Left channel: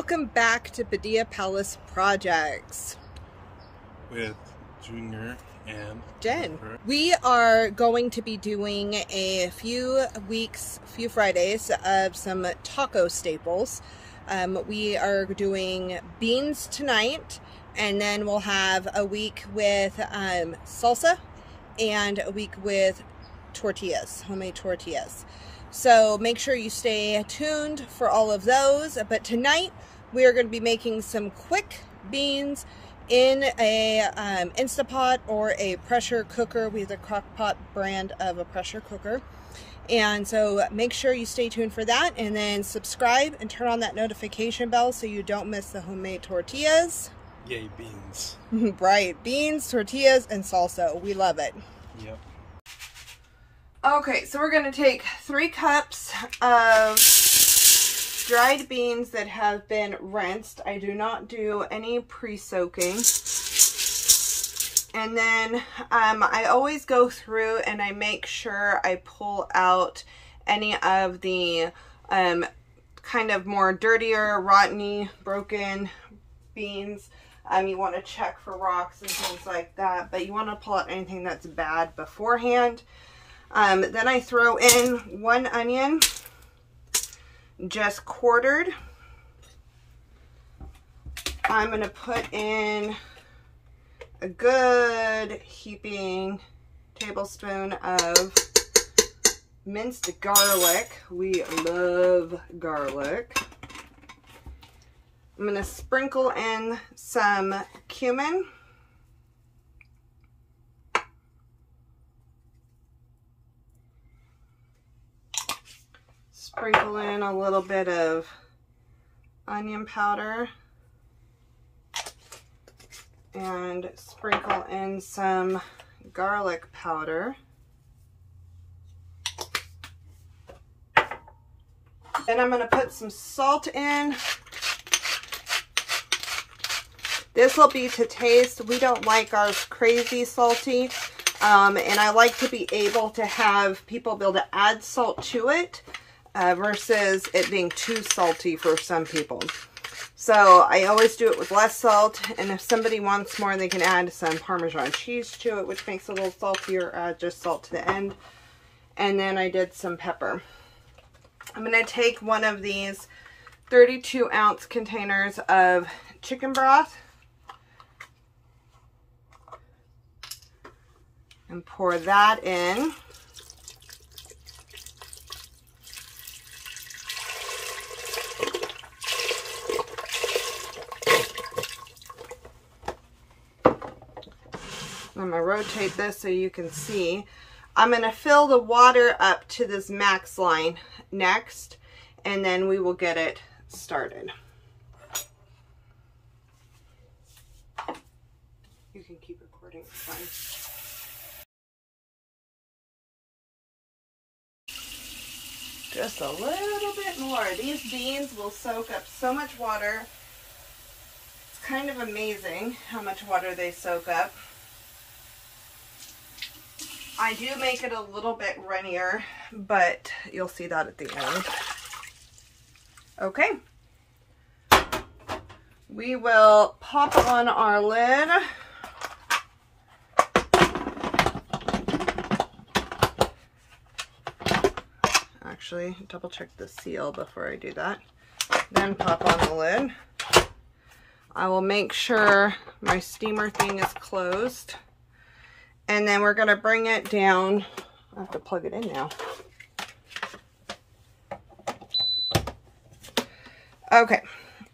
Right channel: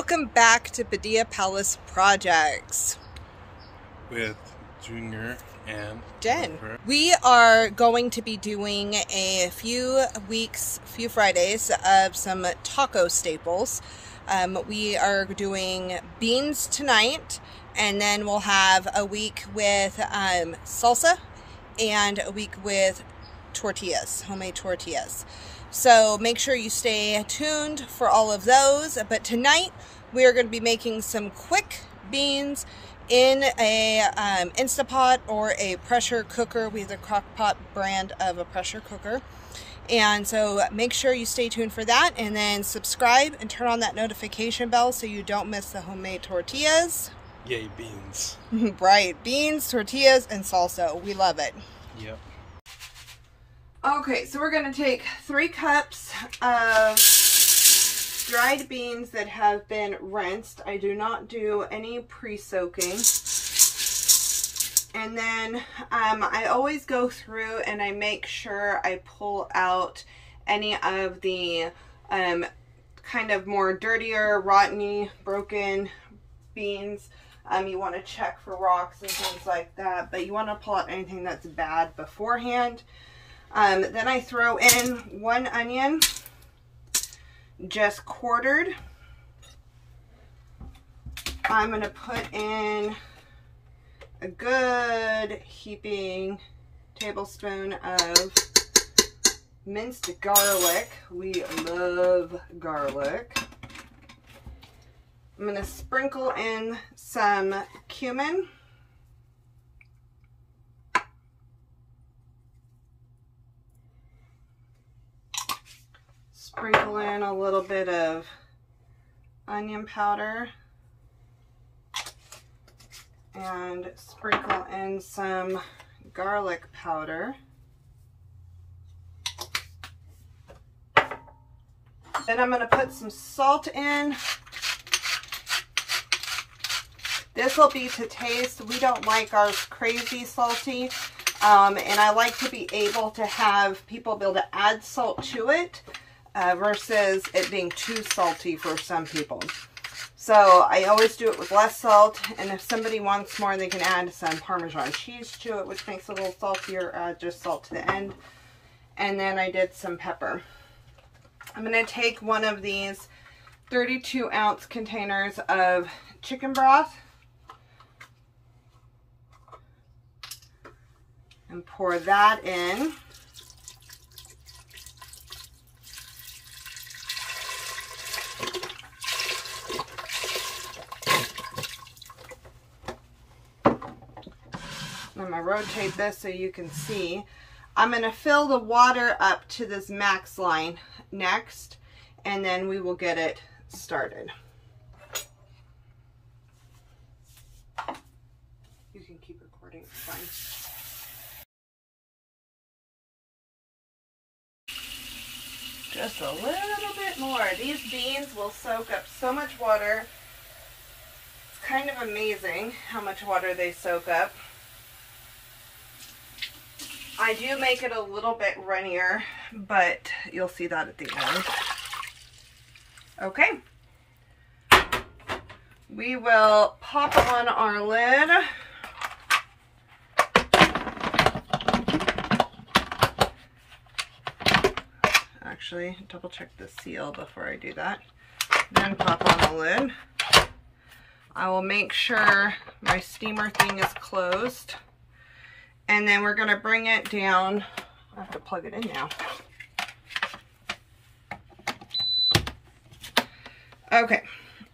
welcome back to Padilla Palace Projects with Junior and Jen. We are going to be doing a few Fridays of some taco staples. We are doing beans tonight, and then we'll have a week with salsa and a week with tortillas, homemade tortillas. So make sure you stay tuned for all of those. But tonight we are going to be making some quick beans in a Instapot or a pressure cooker. We have the Crockpot brand of a pressure cooker. And so make sure you stay tuned for that, and then subscribe and turn on that notification bell so you don't miss the homemade tortillas. Yay, beans. Right, beans, tortillas, and salsa. We love it. Yep. Okay, so we're going to take 3 cups of dried beans that have been rinsed. I do not do any pre-soaking. And then I always go through and I make sure I pull out any of the kind of more dirtier, rotteny, broken beans. You want to check for rocks and things like that, but you want to pull out anything that's bad beforehand. Then I throw in 1 onion, just quartered. I'm going to put in a good heaping tablespoon of minced garlic. We love garlic. I'm going to sprinkle in some cumin. Sprinkle in a little bit of onion powder and sprinkle in some garlic powder. Then I'm going to put some salt in. This will be to taste. We don't like ours crazy salty, and I like to be able to have people be able to add salt to it. Versus it being too salty for some people. So I always do it with less salt, and if somebody wants more, they can add some Parmesan cheese to it, which makes it a little saltier. Add just salt to the end. And then I did some pepper. I'm going to take one of these 32-ounce containers of chicken broth and pour that in. I'm going to rotate this so you can see. I'm going to fill the water up to this max line next, and then we will get it started. You can keep recording, it's fine. Just a little bit more. These beans will soak up so much water. It's kind of amazing how much water they soak up. I do make it a little bit runnier, but you'll see that at the end. Okay. We will pop on our lid. Actually, double check the seal before I do that. Then pop on the lid. I will make sure my steamer thing is closed. And then we're going to bring it down. I have to plug it in now. Okay.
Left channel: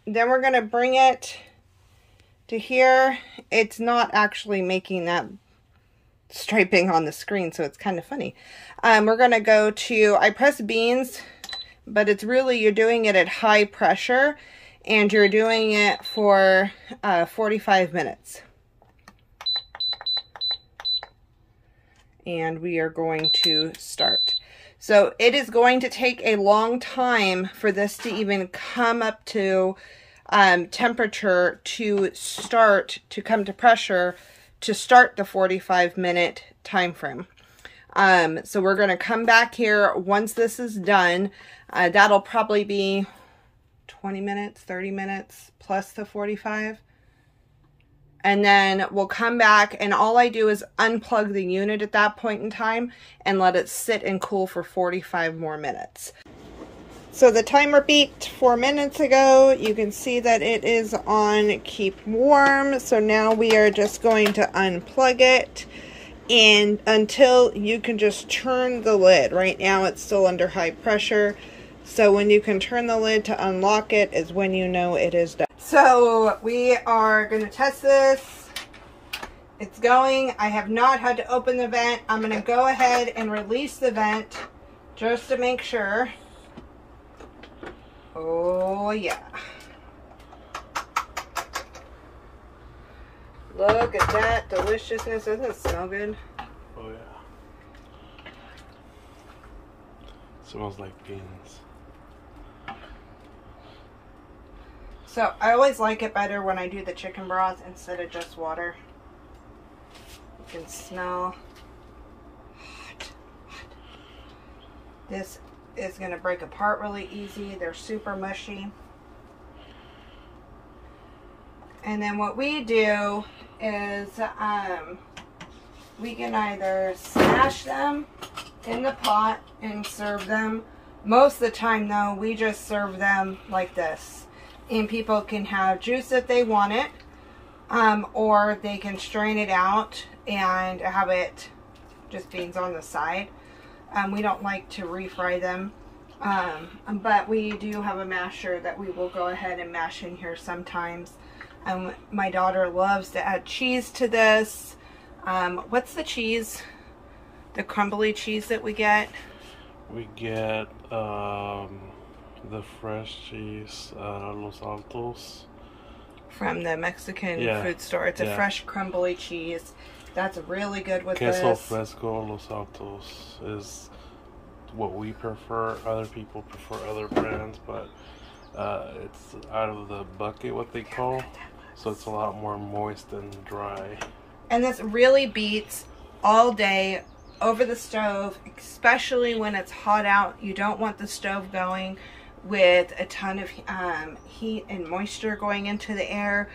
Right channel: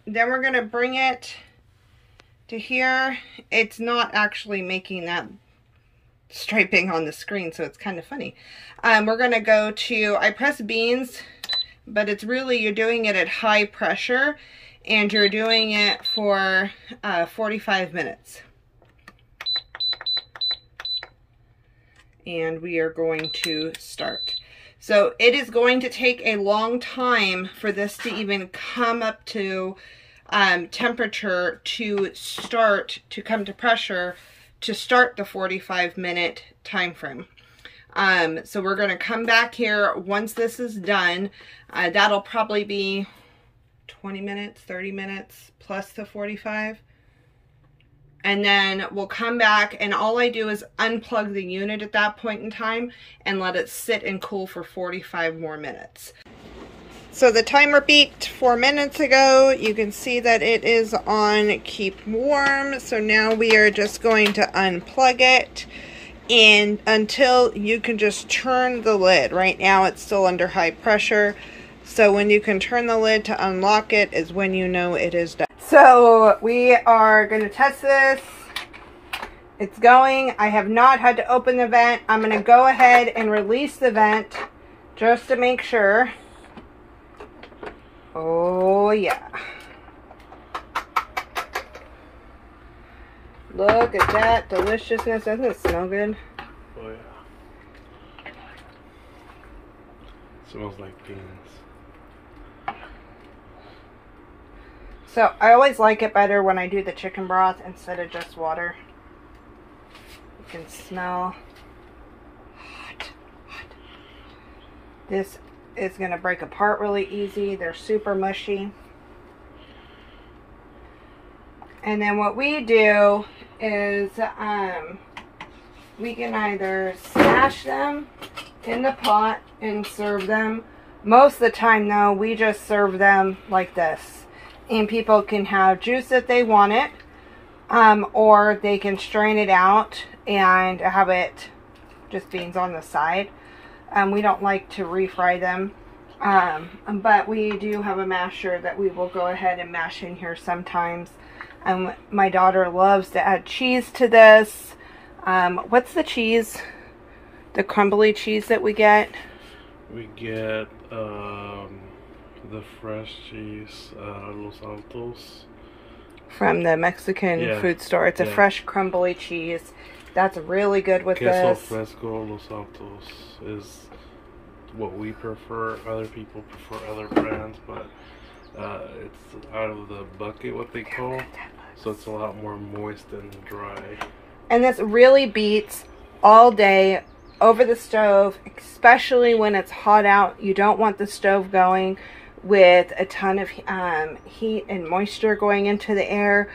Then we're going to bring it to here. It's not actually making that striping on the screen, so it's kind of funny. We're going to go to, I press beans, but it's really, you're doing it at high pressure, and you're doing it for 45 minutes. And we are going to start. So it is going to take a long time for this to even come up to temperature to start, to come to pressure, to start the 45-minute time frame. So we're going to come back here once this is done. That'll probably be 20 minutes, 30 minutes plus the 45. And then we'll come back, and all I do is unplug the unit at that point in time and let it sit and cool for 45 more minutes. So the timer beeped 4 minutes ago. You can see that it is on keep warm. So now we are just going to unplug it, and until you can just turn the lid. Right now it's still under high pressure. So when you can turn the lid to unlock it is when you know it is done. So we are going to test this. It's going. I have not had to open the vent. I'm going to go ahead and release the vent just to make sure. Oh yeah. Look at that deliciousness. Doesn't it smell good? Oh yeah. Smells like beans. So I always like it better when I do the chicken broth instead of just water. You can smell hot. This is going to break apart really easy. They're super mushy. And then what we do is we can either smash them in the pot and serve them. Most of the time though, we just serve them like this. And people can have juice if they want it, or they can strain it out and have it just beans on the side. We don't like to refry them, but we do have a masher that we will go ahead and mash in here sometimes. My daughter loves to add cheese to this. What's the cheese? The crumbly cheese that we get? We get the fresh cheese, Los Altos. From the Mexican food store. It's a fresh crumbly cheese. That's really good with Queso this. Fresco Los Altos is what we prefer. Other people prefer other brands, but it's out of the bucket, what they call. So it's a lot more moist and dry. And this really beats all day over the stove, especially when it's hot out. You don't want the stove going with a ton of heat and moisture going into the air.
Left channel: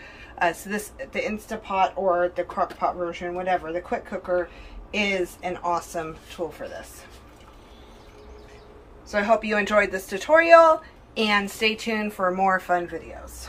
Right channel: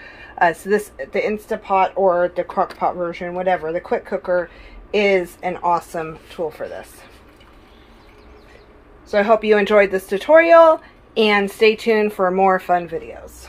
So the Instapot or the Crockpot version, whatever, the quick cooker is an awesome tool for this. So I hope you enjoyed this tutorial, and stay tuned for more fun videos.